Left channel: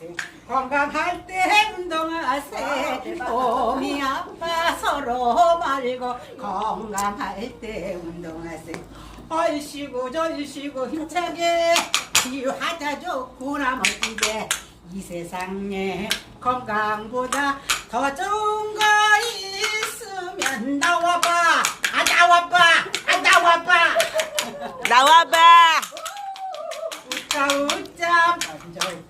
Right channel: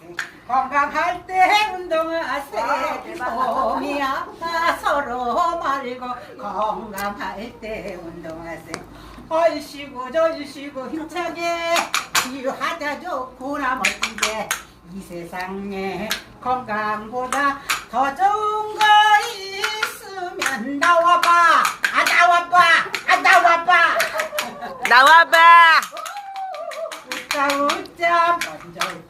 운동하세 건강할 때 운동하세. 몸이 아파 서로 말고 건강할 때 운동하세. 얼씨구 절씨구 힘차게 치유하자 좋구나 멋지게. 이 세상에 건강보다 더 좋은 거 있으면 나와봐. 아 나와봐. 아 나와봐. 나와봐. 웃자 웃자. 먼저